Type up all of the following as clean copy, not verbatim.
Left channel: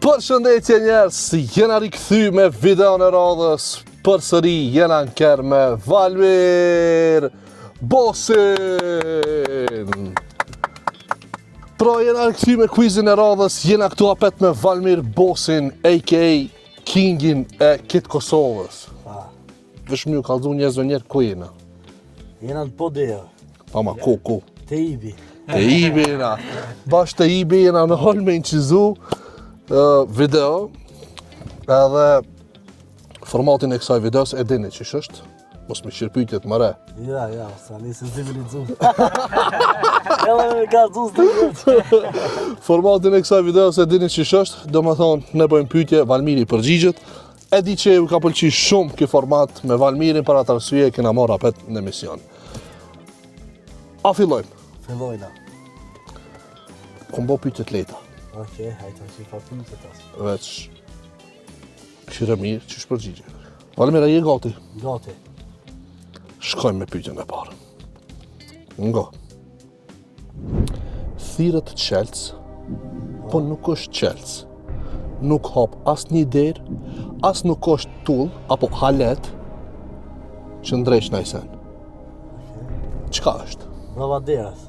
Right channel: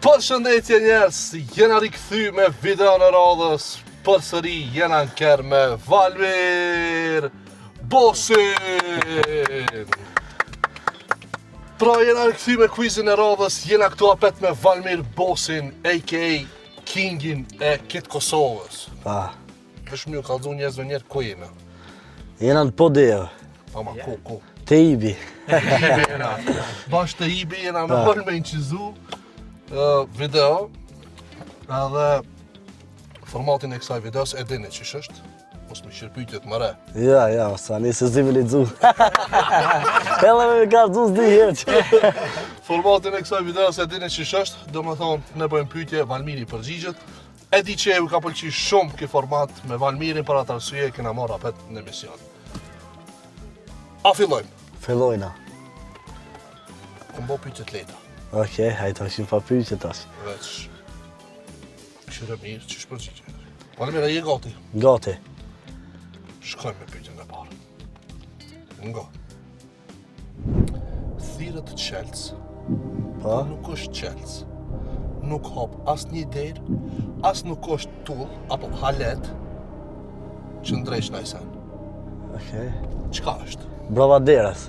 Përshëndetje njerëz, jena rikthy me videon e radhës. Përsëri jena në ker me Valmir Bosin. Pra jena rikthy me quizin e radhës, jena këtu apet me Valmir Bosin, a.k.a. Kingin e Kit Kosovës. Vesh më ju kallëzu njerëzve njerë ku jena. Jena në podeo. Ama ku? Te Ibi. Te Ibi jena. Bash te Ibi jena me hal me incizu video. Edhe formatin e kësaj videos e dini ç'ish është. Mos më shirpytjet më re. Ja, sa nisë zivilizzu. Ella me gazdu s'dihet. Formatin e kësaj videos e dini ç'ish është, domethënë ne bëjmë pyetje, Valmiri përgjigjet. E di që ju ka pëlqyer shumë ky format me Valmirin për atë arsye e kena marrë apet në emision. A fillojmë? Fillojna. Kom bo pyetje të lehta. Okej, hajtë ashim pa pyetje tash. Veç qire mirë, ç'ish përgjigje. Valmir, a je gati? Gati. Shkojmë me pyetjen e parë. Ngo. Thirrët Çelës, po nuk është Çelës. Nuk hap as një derë, as nuk është tull, apo halet, që ndresh në sen. Okej. Çka është? Bravaderas.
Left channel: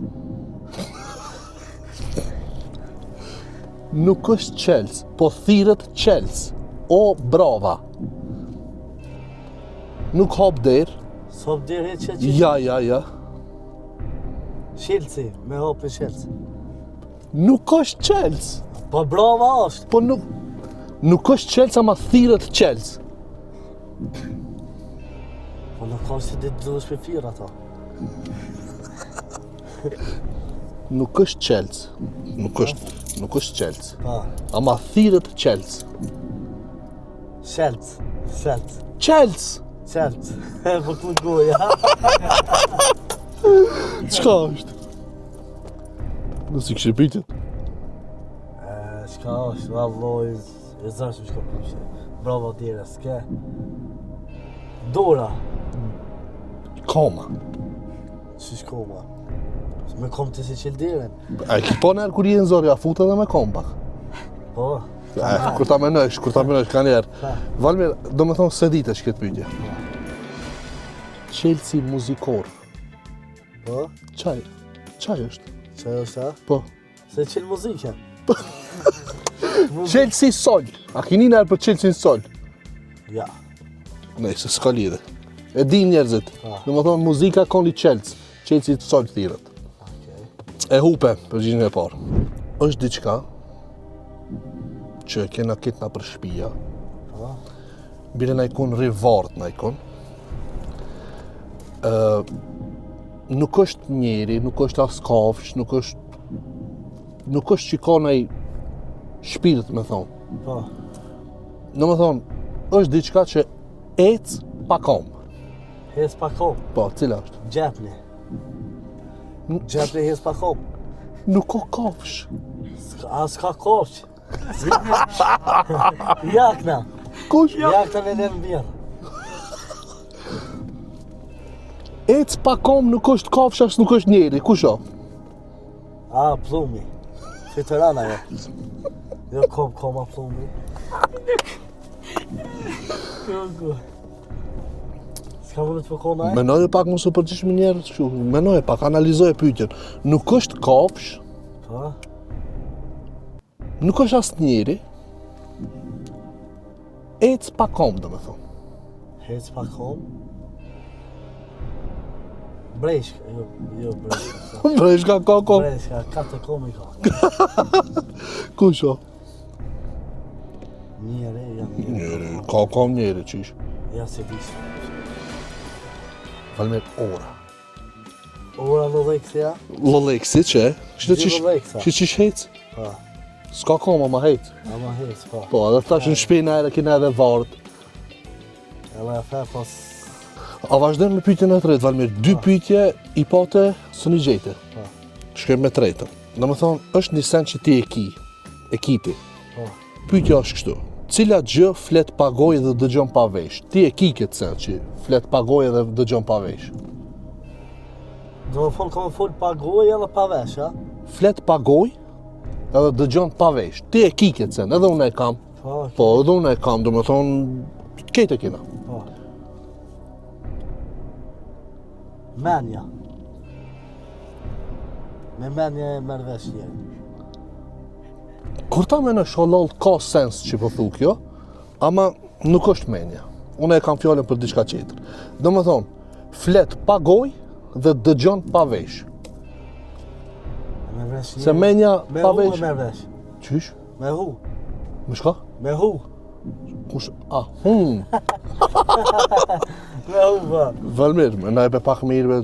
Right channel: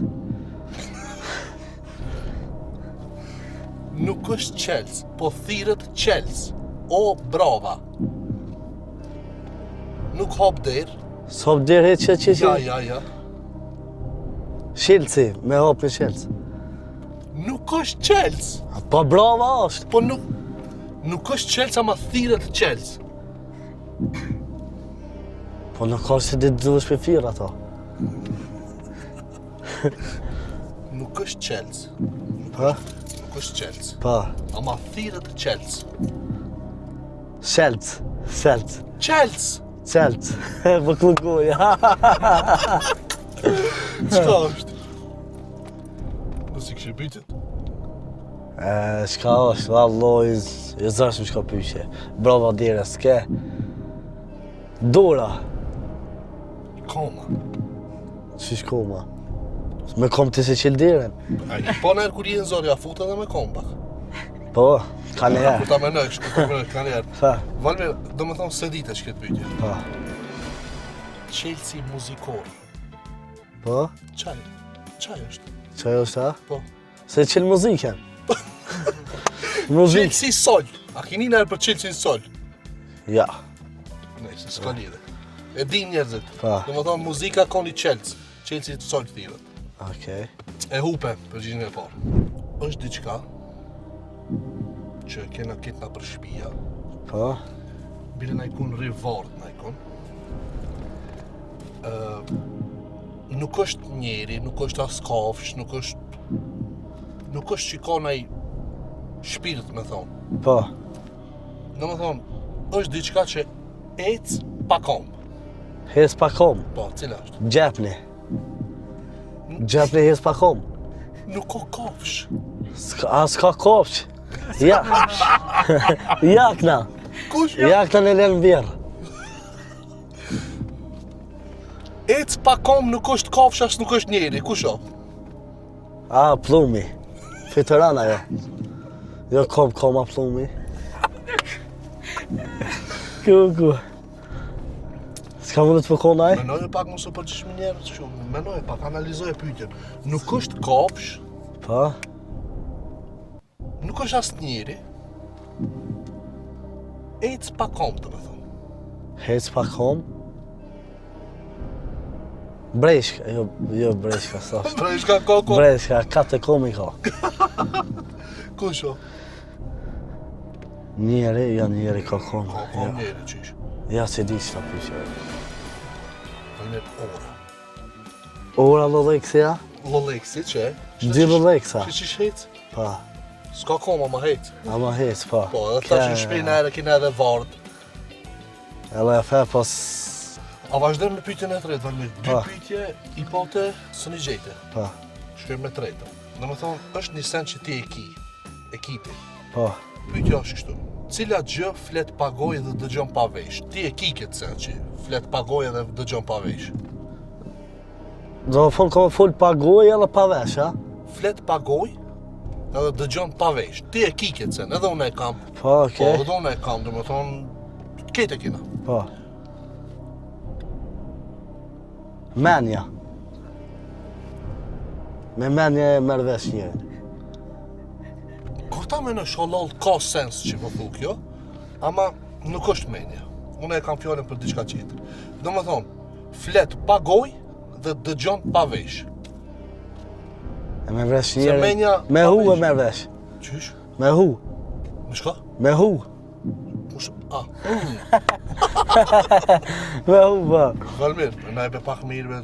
Nuk është Çelës, po thirrët Çelës. O, brava. Nuk hap derë. S'hop derë që Ja. Shilci, me hap në Shilci. Nuk është Çelës. Po brava është. Po nuk është Çelës, ama thirrët Çelës. Po nuk ka se ditë duhesh për firë ato. Nuk është Çelës. Nuk është Çelës. Pa. Ama thirrët Çelës. Shilci. Çelës. Po klukoja. Çka është? Nësi kështë pyetjet? Shka është, valloj, e zashëm shka pyqe. Brava dire, s'ke. Dora. Koma. Qish koma? Me kom të se qil diren. A ki po nërë kur jenë zori, a futë edhe me kom pak. Po, ka njerë. Kur ta menojsh, ka njerë. Pa. Valmir, do me thonë se dite që këtë pyetje. Pa. Çelësi muzikor. Po? Qaj është? Qaj është ta? Po. Se qil muzikën. Çelësi sol. A kini nërë për Çelësin sol? Ja. Nëjse, s'ka lidhe. E din njerëzit. Pa. Do me thonë muzika koni Çelës. Çelësi sol thirrët. Okej. E hupe, përgjigjen e parë. Është diçka që kena kitna për shtëpia, Po? bile na ikun rivart na ikun. Nuk është njeri, nuk është as kafsh, nuk është që ka naj shpirt, me thonë. Po. Do me thonë, është diçka që ec pa kom. Hes pa kom. Po, cila është? Gjepni. Gjepni hes pa kom. Nuk ka kafsh. S'ka kopsh. Ja. Jakna. Kush? Jakna në lënë vjerë. Ec pa kom, nuk është kafsh, as nuk është njeri. Kush o? Plumi. Fitorana jo. Jo koma plumi. Ku. S'ka mundet të përkonaj? Menoj pak mos u përgjigj më njerë kështu. Menoj pak, analizoj pyetjen. Nuk është kafsh, Po? nuk është as njeri. Ec pa kom, do me thonë. Hes pa kom? Breshka, jo breshka sa. Breshka ka kom. Breshka, kate komi ka. Kush o? Njeri ka kom. Ka kom njeri qish. Ja se di sa. Valmir ora. Ora Loleksia? Loleksi që e? Di Loleksa. Që qish hec? Pa. S'ka koma ma hec. Ama hes, pa. Po, edhe tash në shpinë e kina edhe vart. Edhe e fe pas... A vazhdojmë me pyetjen e tretë, Valmir. Dy Pa. pyetje i pate së një gjete. Pa. Shkojmë me tretën. Do me thonë, është një sen që ti e ki. Ekipi. Pa. Pyetja është kështu. Cila gjë flet pa gojë dhe dëgjon pa vesh? Ti e ki këtë sen që flet pa gojë dhe dëgjon pa vesh. Do më ka full pa gojë edhe pa vesh, ha? Flet pa gojë edhe dëgjon pa vesh. Ti e ki këtë sen, edhe unë e kam. Po, Po, okay. edhe unë e kam, do me thonë, kete kina. Po. Menja. Me menja e merr vesh një. Kur ta me në shalol ka sens që po thu kjo, ama nuk është menja. Unë e kam fjallin për diçka tjetër. Do me thonë, flet pa goj dhe dëgjon pa vesh. E merr vesh një. Se menja me pa hu e vesh. merr vesh. Qysh? Me hu. Me shka? Me hu. Kush? A, Me hu, po. Valmir, na e be pak mirë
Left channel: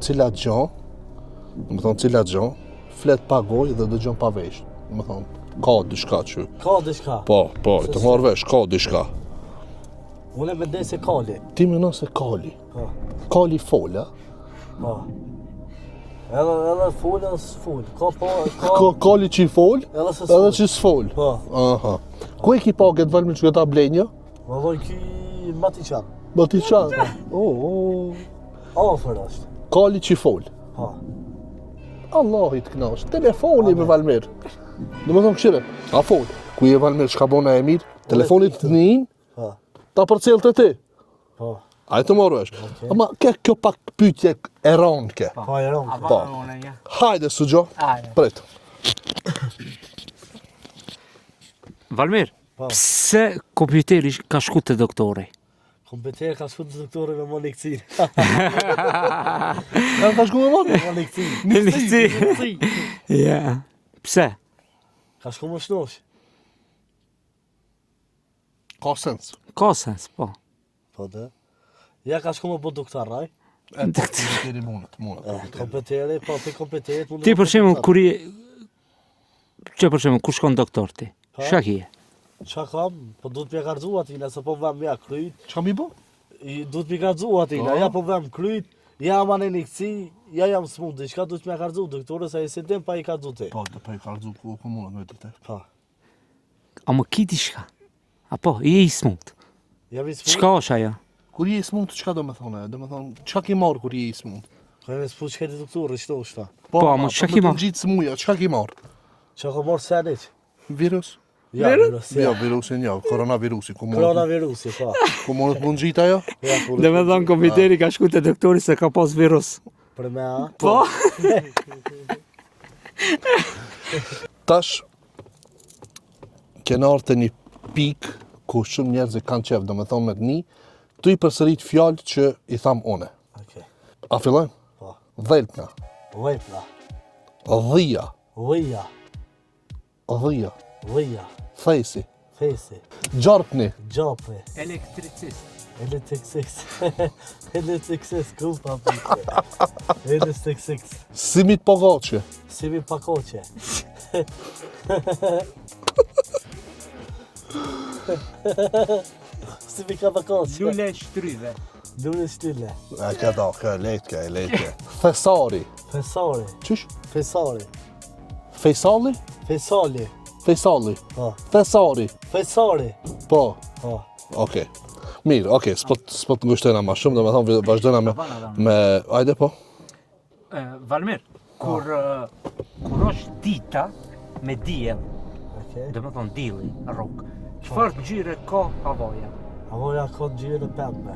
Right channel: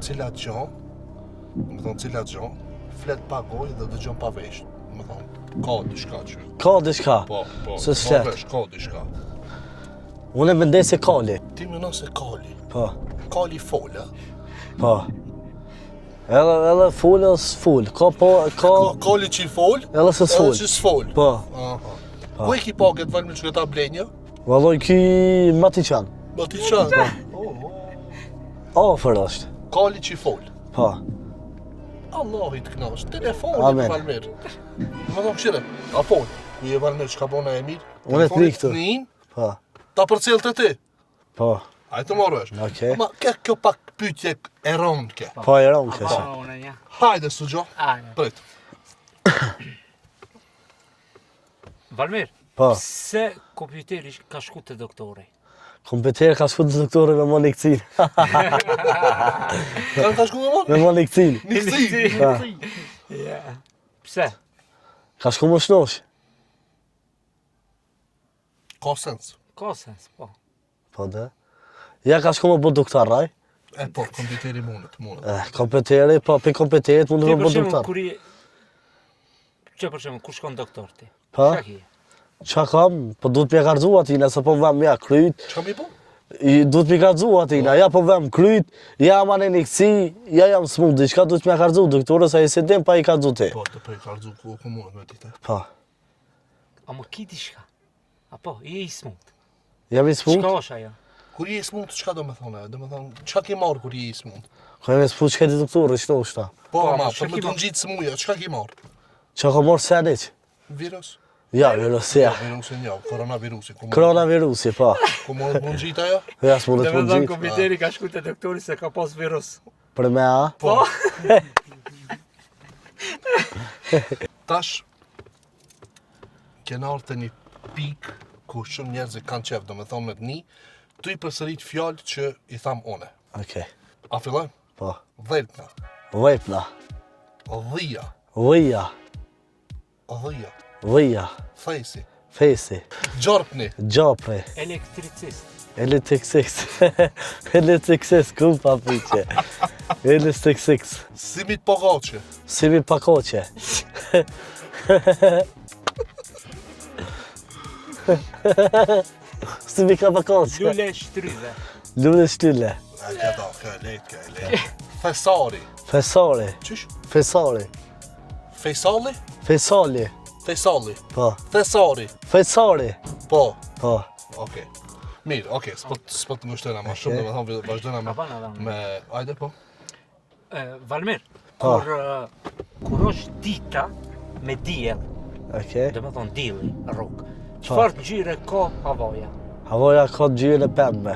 cilat gjon, do me thonë cilat gjon, flet pa goj dhe dëgjon pa vesh. Do me thonë, ka diçka që. Ka diçka. Po, Se të se. marrë vesh, ka diçka. Unë e mendoj se kali. Ti menon se kali. Po. Kali fola. Po. Edhe full edhe s'full. Ka Kali që i fol, edhe se edhe s'full. që s'fol. Po. Aha. Ku e ki paget Valmir që këta blenja? Valloj ky Matiçan. Ma ti qanë. Afër është. Kali që i fol. Po. Allahi të knash. Telefoni Amen. me Valmir. Do me thonë këshire, a fol. Ku je Valmir, shka bona e mirë? Unë e Telefonit tri të njën, Po. ta përcel të ti. Po. Ajë të morë vesh. Okej. Ama kjo pak pytje e ronë ke. Po e ron A kjo. bashkë unë ja. Hajde, Sugjo. Hajde. Pret. Valmir, Po. pse kompjuteri ka shku te doktori? Kompjuter ka shku të doktore me moni këcin. Ka ta shku me Me moni? moni këcin. Ministri. Ja. Pse? Ka shku më shnosh. Ka sens. Ka sens, po. Po dhe. Ja ka shku më bu doktor, raj. E po, kompjuteri mundet. Kompjuteri, po pe kompjuterit mund Ti të për bu shembull doktor. kur je Që për shembull ku shkon doktor ti? Po. Çka ke? Qa kam? Po duhet m'ja garzu atina, se po vëm ja kryt. Qa mi bo? Duhet m'i garzu atina, ja po vëm kryt, ja ma në një këci, ja jam smut, diçka duhet m'ja garzu, doktore, sa i se dim pa i garzu ti. Po, të prej kalzu ku mundet me dite. Po. A më ki diçka? Apo, je i smut. Jam i smut? Çka është ajo? Kur je i smut, çka do me thone? Do me thonë, qa ki marrë kur je i smut? Ka jam i smut, çka di doktore, shnosh ta. Po, ama ama, çka për ki me të marrë? gjitë smuja, çka ki marrë? Qa ka morë senit? Virus? Ja, virus, Jo, ja. virusin jo, koronavirusi. Ku mundet Koronavirusi, po. ku mundet mund gjitë ajo? Ja, s'mundet Dhe me mund thonë gjit. kompjuteri ka shku te doktori se ka pas virus. Për me a? Po. Tash, kena orë të një pikë ku shumë njerëz e kanë qef, do me thonë me të një, tu i përsërit fjallë që i tham une. Okej. A fillojmë? Po. Dhelpna, Vejpna. dhia, Vëja. dhia, Vëja. thejsi, Fesi. gjarpni, Gjape. Elektricist. Elektriksis. Elektriksis, ku pa piqe. Elektriksis. simit pogace, Simi pakoqe. Simi ka pakoqe. Lule shtryve. Lule shtylle. a këta, kë e lejtke. Fesari, Fesare. qysh? Fesare. Fejsali? Fesali. Fejsali, Po. Fesari, Fesare. po, Po. okej. Mirë, okej, s'po të ngushtojna ma shumë, do me thonë vazhdojna me, ajde po? Valmir, kur është dita me diell, Okej. do me thonë dielli, rrugë, çfarë ngjyre ka havaja? Havoja ka gjyre pembe.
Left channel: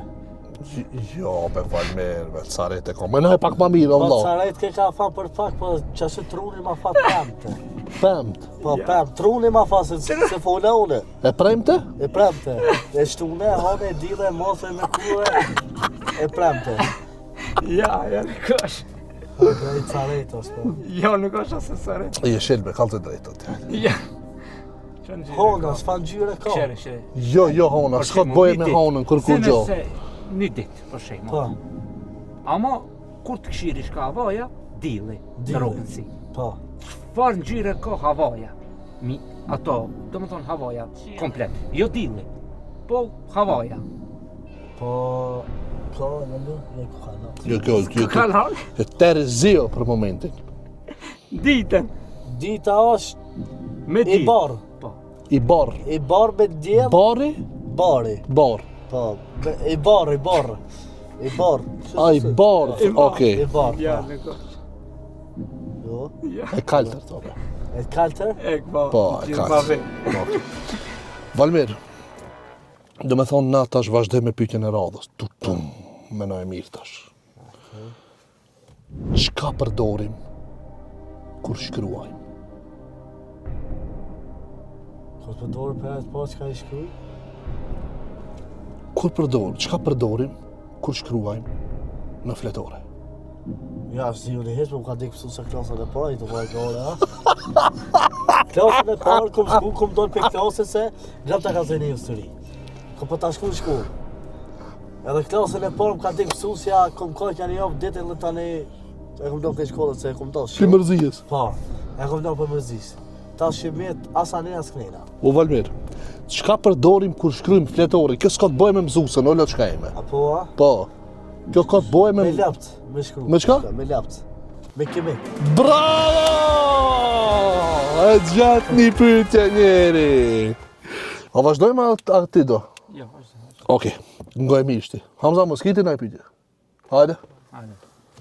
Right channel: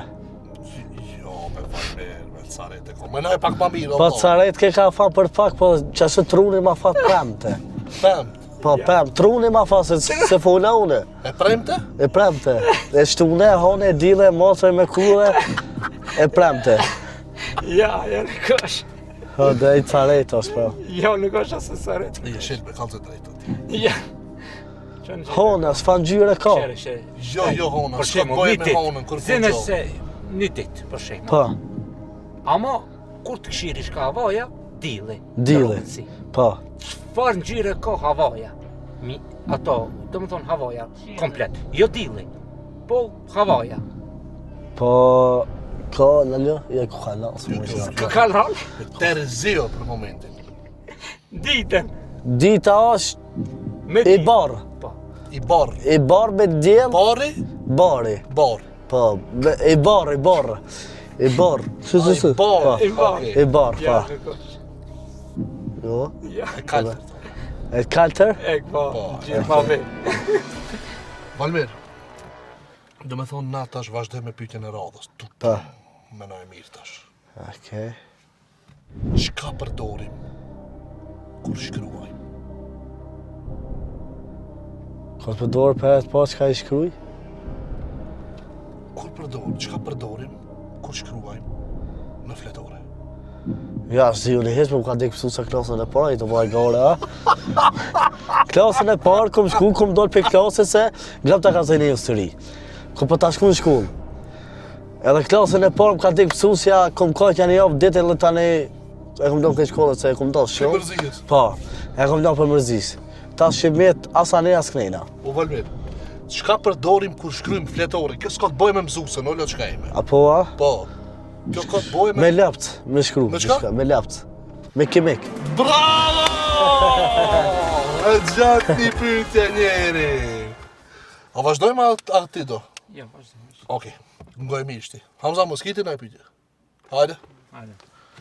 Jo, me Valmir, me carete ko. Menoj pak ma mirë, Po Allah. caret ke ka fa për pak, po qasë truni ma fa pemte. Pemt. Po pem, truni ma fa se fola une. E premte? E premte. E shtune, hone, dile, mosë me kure, e premte. Ja, nuk është. O, dhe i caret është, po. Jo, nuk është asë sërit. Je shelbe, kalë të drejtët. Ja. Hona, s'fan gjyre ka. Shere. Jo, hona, s'ka bëje me honën, kur kur Zene gjo. se një ditë, për shembull. Po, Ama, kur të këshiri shka havaja, dielli. Dielli. rrugësi. po. Çfarë ngjyre ka havaja? Ato, do më thonë havaja, komplet. Jo dielli, po havaja. Po, ka, në ljo, je ku ka Jo, kjo, Ka rol? e terë zio për momentin. Ditën. Dita është Me i diell. barë. Po. I barë. I barë me djelë, Bari? bari. Barë. Po, i barë, i barë. I barë. A, i barë. I barë. I Okej. barë, Ja, po. nuk është. Jo. Ja. E kalë. E kaltër? Po, Valmir, do me thonë na tash vazhdoj me pyetjen e radhës. Me na e mirë tash. Okej. Çka përdorim kur shkruajmë? Kur përdor për e po çka i shkruaj? Çka përdorim kur shkruajmë në fletore? Ja, si unë heq, më kanë dekë mësuesa klasën e parë, i të bëj gore, a? Klasën e parë, kom dollë për klasën se glap ta ka zënë një sëri. Kom për ta shku në shkullë. Edhe klasën e parë më kanë dekë mësusja, kom kaqja një javë ditë edhe tani e kom dollë këtë shkollët se e kom dollë Për shumë. mërzijës. Po, e kom dollë për mërzisë. Ta shqimet asa ne as knejna. O Valmir, çka përdorim kur shkruajmë fletore? Kjo s'ka të bëjë me mësuesën, ola çka jemi. Apo, a? Po. Kjo ka të bëjë Me lapt, me shkru. Me çka? Me lapt. Me kimek. Bravo! E gjatë një pyetje njeri. A vazhdojmë aty do? Jo, vazhdo. Okej, ngoj mirë ti. Hamza mos kiti na pyetje. Hajde. Hajde.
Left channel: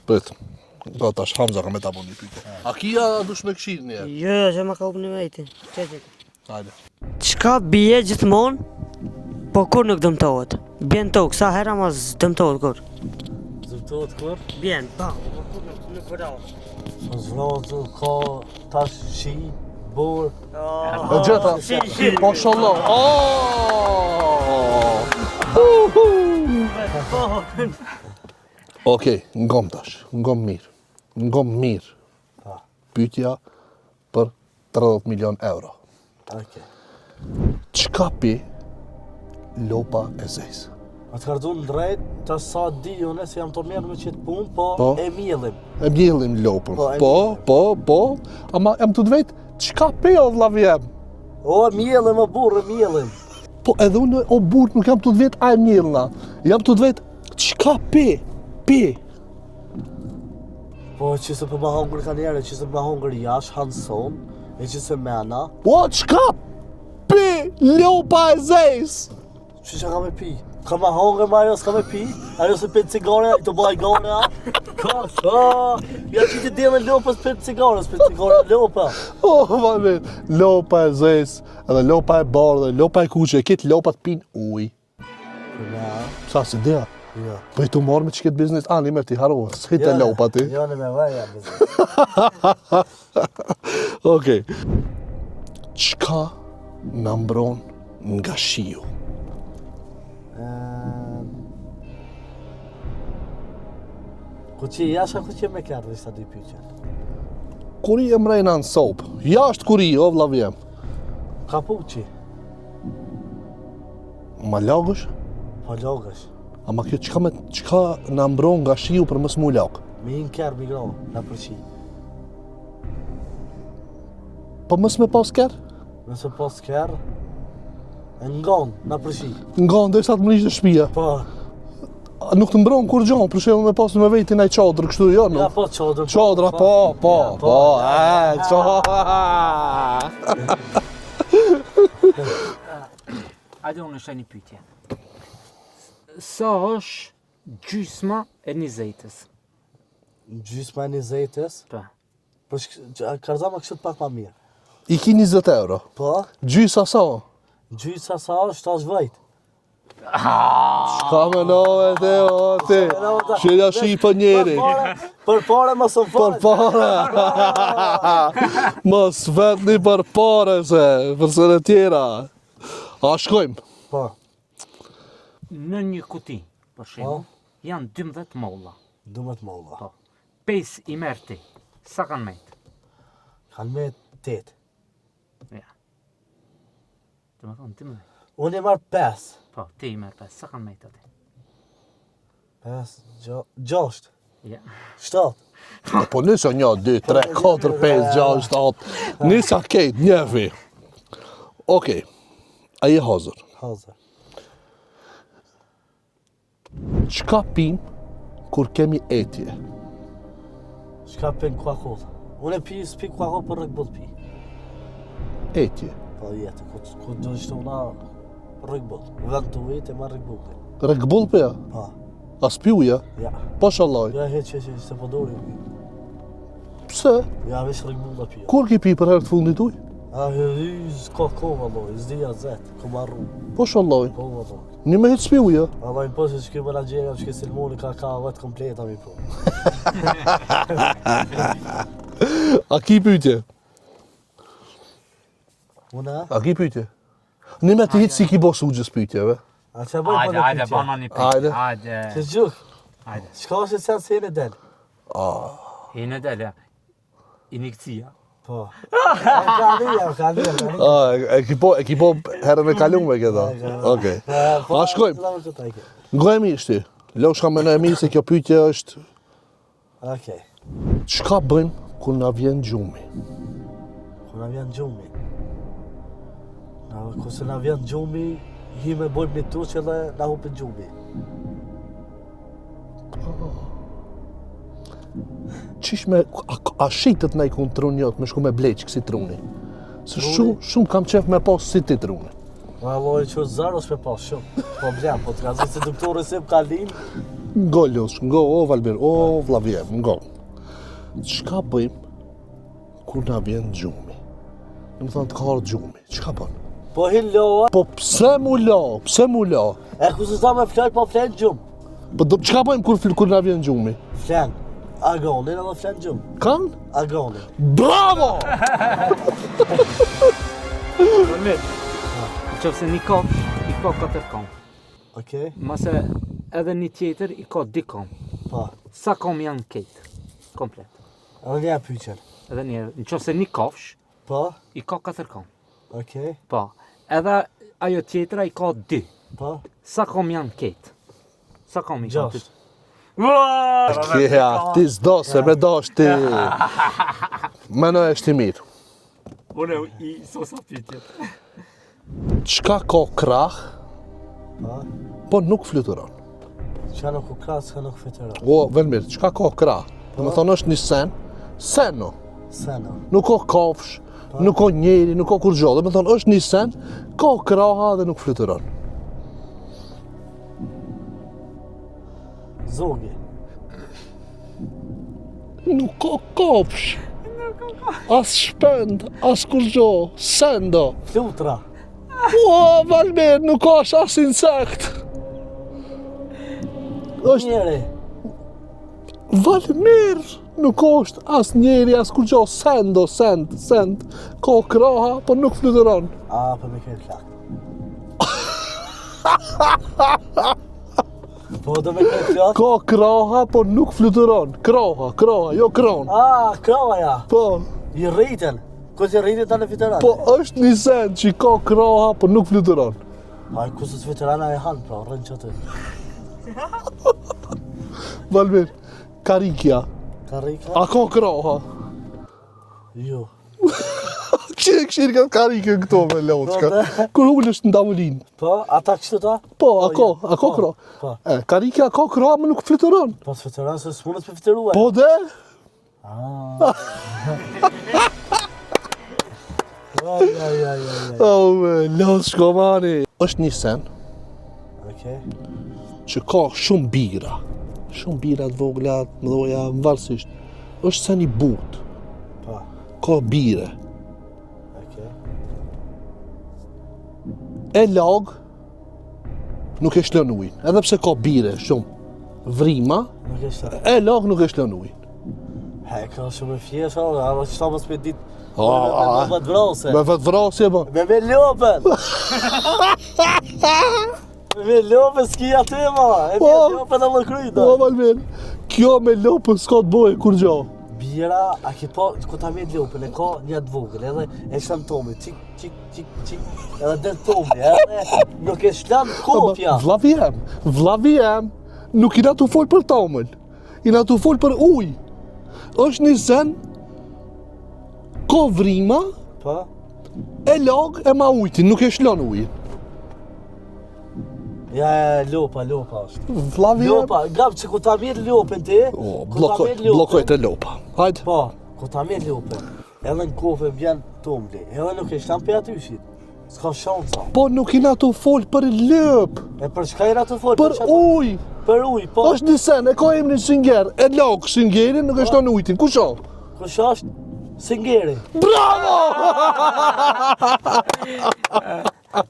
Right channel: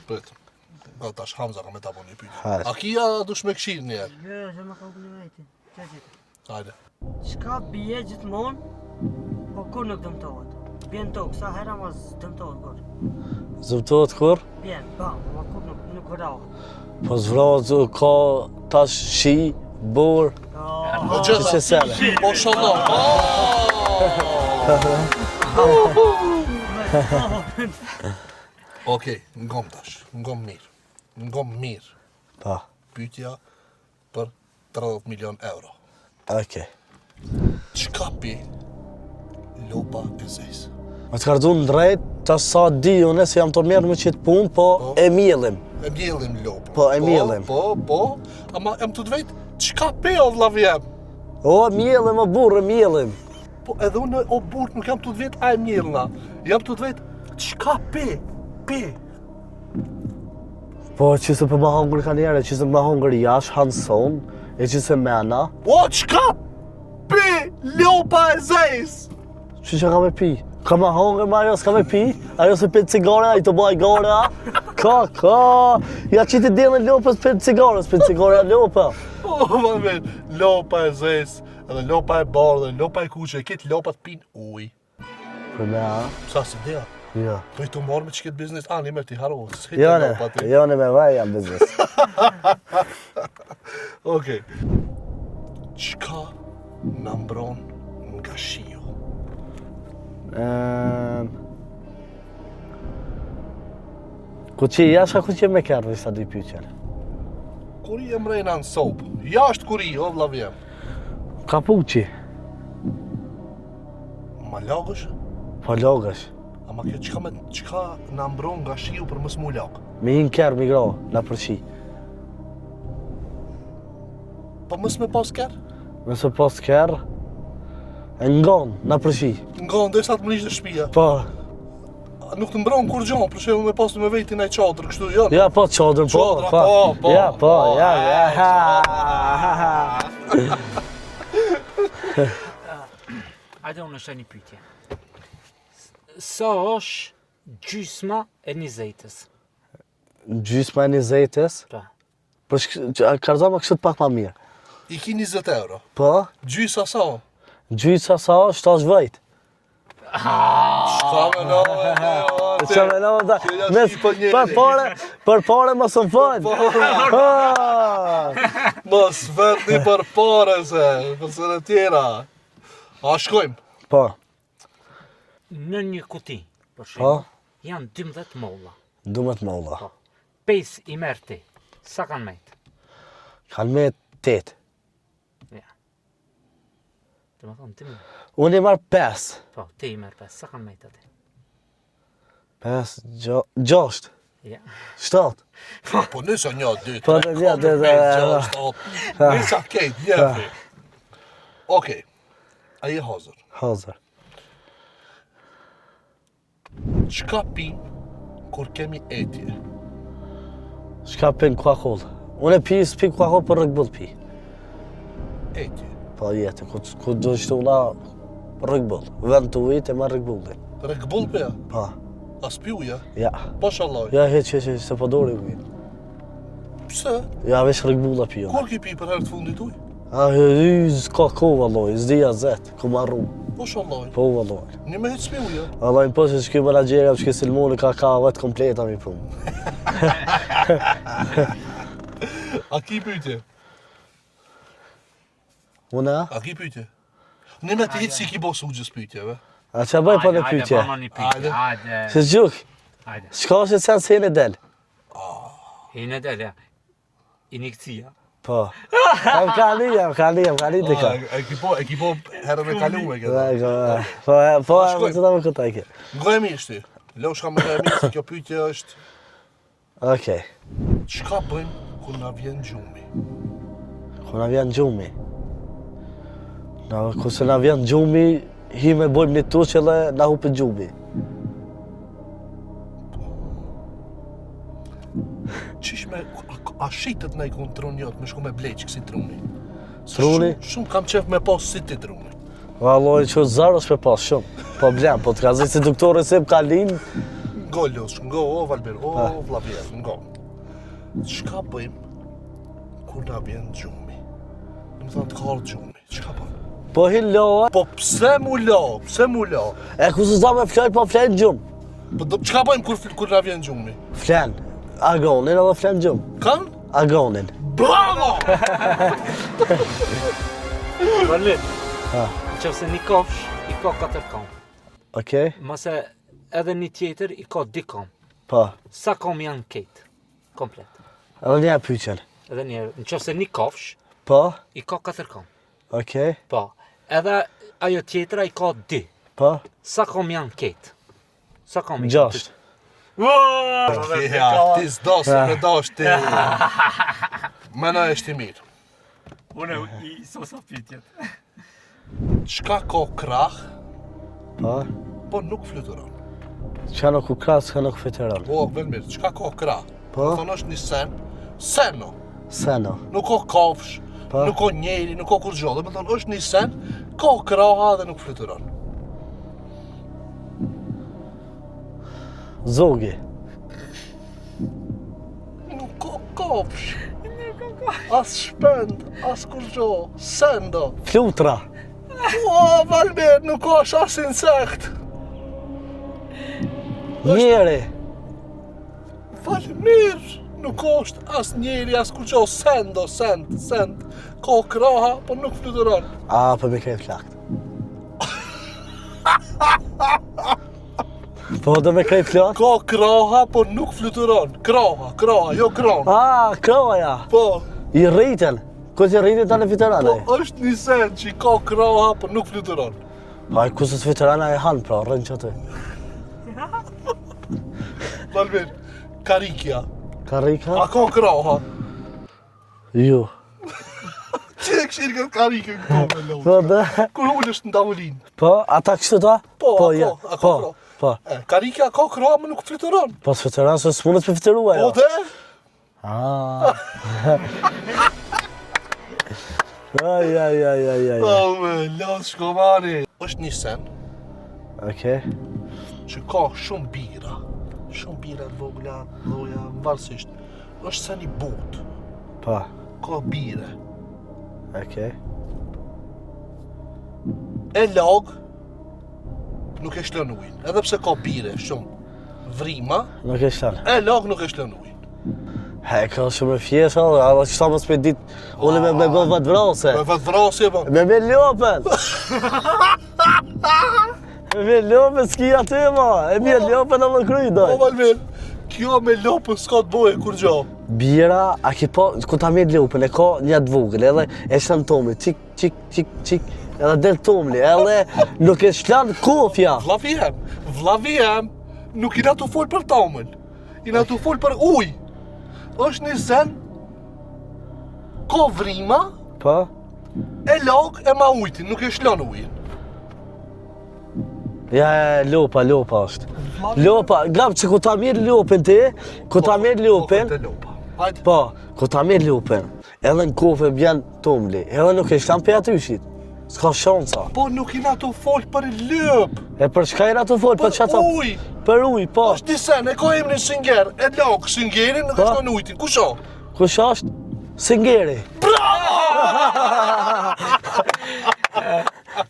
Prit. Do tash Hamza ka me ta bëni pyetje. Hajde. A kia dush me këshill një herë? Jo, që ma ka upë në vejti. Hajde. Qka bje gjithmonë, po kur nuk dëmtohet? Bjen tokë, sa hera mas dëmtohet kur? Zëmtohet kur? Bjen, po kur nuk vrau. Po zvrau, ka tash shi, bor. E gjata. Se sele. Mashallah. Okej, ngom tash. Ngom mirë. Ngom mirë. Pa, Pyetja për 30 milion euro. okej. Çka pi lopa e zezë? Ma të kardu në drejt, tash sa di unë se jam të mirë me qitë punë, po e mjellim. E mjellim lopën. Po, e mjellim. Po, ama jam të drejt, çka pi o vllav jem? O, e mjellim, o burë, e mjellim. Po edhe unë o burr nuk jam të drejt a e mjellna. Jam të drejt, çka pi? Pi. Po, që se për ma hongër ka njerë, që se ma hongër jash, hanson, e që se mena. O, çka pi lopa e zezë? Që ka me pi? Ka ma hongër ma ajo s'ka me pi? Ajo se për cigare, i të baj gare, a? Ka, ja që ti delën lopës për cigare lopa. O, Valmir, lopa e zezë, edhe lopa e bardhë, lopa e kuqe, këtë lopat pin ujë. Ja, Sa si dia? ja. Po i të marrë me që këtë biznes, ani me ti haro, s'hite lopa ti. Jo, në me vaj jam biznes. Okej. Çka na mbron nga shiu? Ku që jasha, ku që me kërë, ishta dy pyqer. Kur i e mrejna në sopë, jashtë kur i, o vllav jem. Kapuqi, Ma lagësh, po logësh. ama kjo çka na mbron nga shiu për mos mu lag? Me një kërë migro, na përshi. Po mos me pas kërë? Nëse pas kërë, e ngon, na përshi. Nga ndërsa të mrish në shtëpia. Po, Nuk të mbron kur gjon, për shembull me pas me vetin ai çadër kështu jo. ja po qadrën, po. Çadra, po. Ja, po, Hajde unë është një pyetje. Sa është gjysma e një zejtës? Gjysma e një zejtës, Pa. për karzama kështë pak ma mirë. I ki 20 euro. Po, Gjysa sa? gjysa sa, 7 vajt. Shka me nove te o ti? Që ja shipa njeri. Për pare më së Për fajt. pare. Mos vetni për pare se, për së në tjera. A shkojmë? Po, Në një kuti, për shembull, janë 12 molla. dumet molla. Po. 5 i merr ti. Sa kanë mejt? Kanë me 8. Ja. Të më thonë, ti më. Unë i marrë 5. Po, ti i merr 5. Sa kanë mejt aty? 5, 6, Ja. 7. Po nisa 1, 2, Po, 3, 4, 5, 6, 7. Nisa kejt, njevi. Okej. A je hazër? Hazër. Çka pin kur kemi etje? Shka pin kuakoll. Unë e pi, s'pi kuakoll për rëgbull pi. Etje. Po jetë, ku do shtu na rëgbull. Vend të ujit e ma rëgbullin. Rëkbull për ja? Pa, As pi uja? ja. Po shalaj. Ja, heq, se po dori ujit. Pse? Ja, veç rëgbulla pio. Kur ki pi për herë të fundit uj? S'ka kohë, valloj, s'di azet, ku marru. Po shalloj. Po, valloj. Një me hitë s'pi uja. Allah, po se shky menagjerja, shky silmoni, ka vetë kompleta mi punë. A ki pyetje? Una? A ki pyetje? Një me të hitë si ki bo sugjës pyetjeve. A që bëj për në pyqe? bana një pyetje. Hajde. Se gjuk, Hajde. shka që të janë se në del? Hine del, ja. Injekcija. Po. Ka lija E ki po herën e kalume këta. Okej. Po, shkojmë. të damë këta ike. Goja mi shti. Lo shka me në e mi se kjo pyetje është Okej. çka bëjmë kur na vjen gjumi? Kur na vjen gjumi. Kur se na vjen gjumi, hi me bojmë një tuqë dhe na hupin gjumi. Qish me, a shitet na i kun trunjot me shku me bleq kësi truni? Se Truni? Shumë kam qef me pos si ti truni. Valloj, që zarë është me pas shumë. Po blem, po të ka zi si doktore se më kalin. Ngo Losh, ngo, o Valber, o Vlavjer, ngo. Çka bëjmë kur na vjen gjumi? Në më thonë të karë gjumi, çka bëjmë? Po hi loa. Po pse mu lo, pse mu lo? E ku se s'da me flaj, po flen gjumë. Po çka bëjmë kur na vjen gjumi? Flen. Agonin edhe flen gjumë. Kan? Agonin. Bravo! Valmir. Qëse një kofsh, i ka 4 kom. Okej? Mase edhe një tjetër i ka 2 kom. Po. Sa kom janë ketë? Komplet. Edhe një pyqen. Edhe një, në qëse një kofsh, Po. i ka 4 kom. Okej? Po. Edhe ajo tjetra i ka 2. Po. Sa kom janë ketë? Sa kom i kanë? 6. Ja, ti s'do se me dash ti. Mëna është i mirë. Unë i sosa pyetjet. Çka ka krah, Po. po nuk fluturon? Qa nuk u krasë, ka nuk fiteron. O, Velmir, çka ka krah? Më thonë është një seno. Seno. Nuk ka kafsh, nuk ka njeri, nuk ka kur gjo. Dhe më thonë është një sen, ka kraha dhe nuk fluturon. Zogi. Nuk ka kafsh. As shpend, as kur gjo, sendo. Flutra. O, Valmir, nuk ka as insekt. Njeri. Valmir, nuk është as njeri, as kur gjo, sendo, send. Ka kraha, po nuk fluturon. A, po me krej flakt. Po do me krej flakt? Ka kraha, po nuk fluturon. Kraha, jo kron. A, kroja. Po, I rriten. Ko që rritin ta në fiteran? po është një sen që ka kraha, po nuk fluturon. Pa, ku se të fiterana e hanë, pra, rrën që të. Valmir, karikja, Karika? a ka kraha? Jo. Që e këshirë ka karikë këto me Po, loçka? be. Kur ullë është në davolinë. Po, ata kështu ta? Po, a ja. ka Po, kraha. Po, Karikja ka kraha, më nuk fluturon. po të fiteran se s'munët për fiterua, Po jo. dhe? Ah. Aj. Oh, me, lotë shkomari. është një sen Okej. që ka shumë bira. Shumë bira të vogla, të mëdhoja, varësisht. është sen i butë, Po, ka bire. okej. E lag, nuk e shlën ujin. Edhe pse ka bire shumë. Vrima, Nuk e shtarë. e lag nuk e shlën ujin. He, ka shumë e fjesha, a qëta më s'pe dit, ole me go vetë vrase. Me vetë vrasje, po. Me lopën! Me lopën s'ki aty, ma! E me lopën e më kryjt, Po, Valmir, kjo me lopën s'ka të boje kur gjo. Bira, a ki po, ku ta mirë lupën, e ka një të vogël, edhe e shlan tomli, qik, edhe del tomli, edhe nuk e shlan kofja. Vlavi jem, nuk i na të folë për tamël, i na të folë për uj. është një sen, ka vrima, Po? e lag e ma ujtin, nuk e shlon ujin. Ja, lopa është. Vlavi jem. Lopa, grab që ku ta mirë lupën ti, ku ta mirë Blokojt e lupën, lopa. Hajde. po, ku ta mirë lupën, edhe në kofë bjen tomli, edhe nuk e shlan pe atyshit. S'ka shansa. Po nuk i na të folë për lëp, E për shka i na të folë, për për qëta? uj. Për uj, po. është një sen, e ka emrin Synger, e lag Syngerin, nuk e shlon ujtin. Kusho? Kush është? Singeri.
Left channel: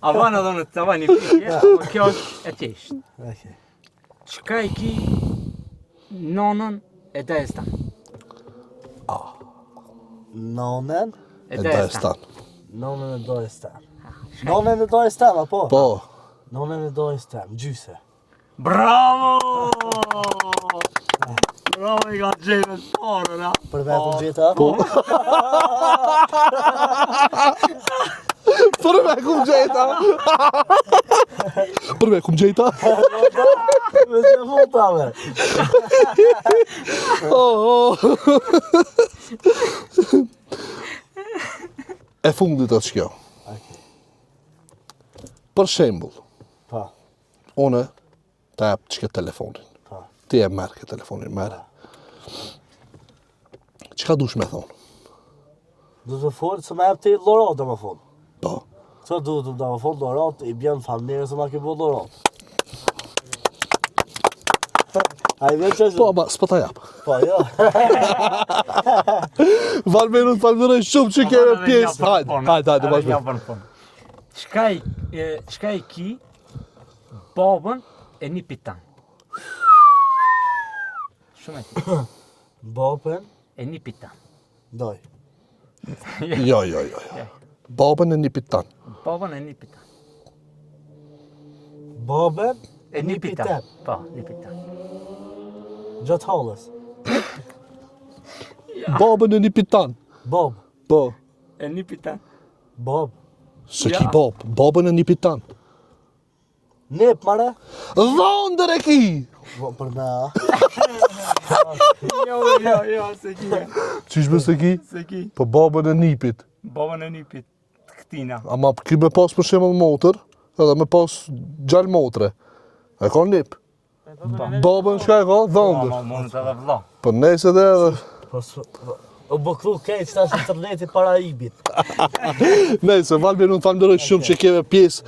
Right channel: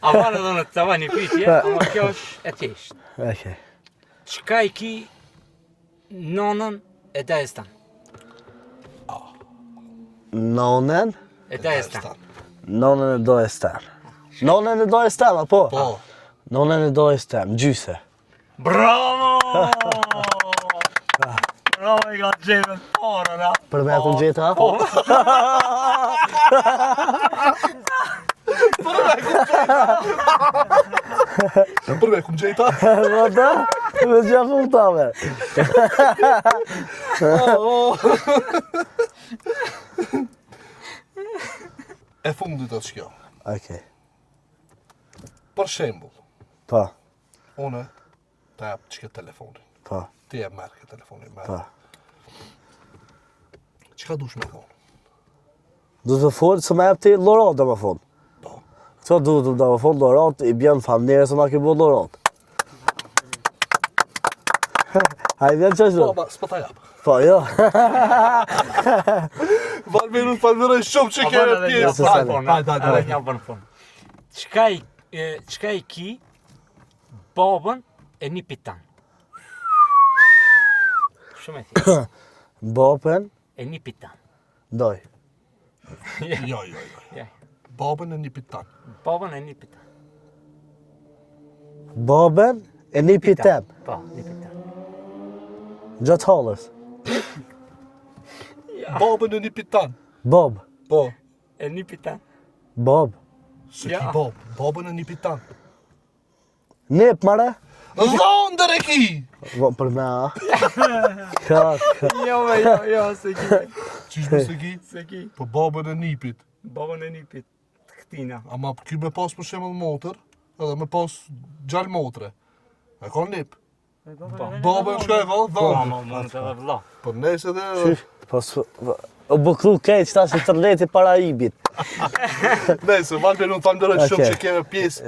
Avan edhe në të tava një pyetje, ama kjo është e thjeshtë. Okej. Çka i ki nonën e Dagestan? Nonën? E Dagestan. Nonën e Dagestan. Nonën e Dagestan, apo? Po. Nonën e Dagestan, gjyse. Bravo! Bravo, i ka gjetën fare, na. Për me ku gjeta? Për me kum gjejta. Për me kum gjejta. Vada, me gjafun tave. E fundit është kjo. Okej. Për shembull, Po, unë të jap çka telefonin. po. Ti e merr këtë telefonin, merr. Çka dush me thonë? Du të folë, së me ti Lorat dhe më thonë. Po. Co du të më thonë Lorat, i bjen familjerë se ma ke bo Lorat. A i bjen që Po, është? ma, s'po ta jap. Po, jo. Valmeru të falmiroj shumë që keme pjesë. Hajde. Jam për fund. Çka i ki babën e një pitan? Shumë e thjeshtë. Bopen, E një pitan. doj. Jo. Babën e një pitan. Babën e një pitan. Boben e një pitem. Po, një pitan. Gjatë halës. Babën e një pitan. Bob. Po. E një pitan. Bob. Së ki bob. Babën e një pitan. Nip, mare. Dhondër e ki! Po, për me a. Jo, se ki. Qysh me se ki? Se ki. Po babën e nipit. Babën e një pit. Këtina. Ama ki me pas për shembull motor, edhe me pas gjallë motre. E ka nip. Babën shka e ka dhondër. Po nese dhe edhe. Po, o bukru keq, ta që tërleti para ibit. Nese, Valmeru të falmiroj shumë Okej. që keme pjesë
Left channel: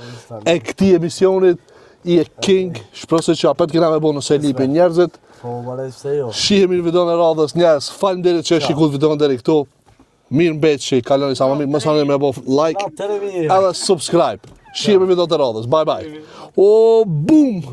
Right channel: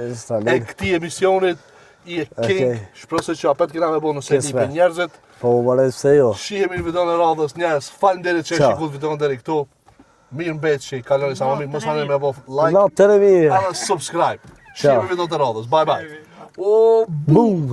e këtij emisionit. I e king, shpresoj që apet kena me bo nëse lipi njerëzit. Po, më marrë se jo. Shihemi në videon e radhës njerëz. Faleminderit që e Qa. shikut videon deri këtu. Mirë mbet që i kaloni sa më mirë. Mos harroni me bo like Na, të mirë. edhe subscribe. Shihemi në videon e radhës. Bye bye. O boom.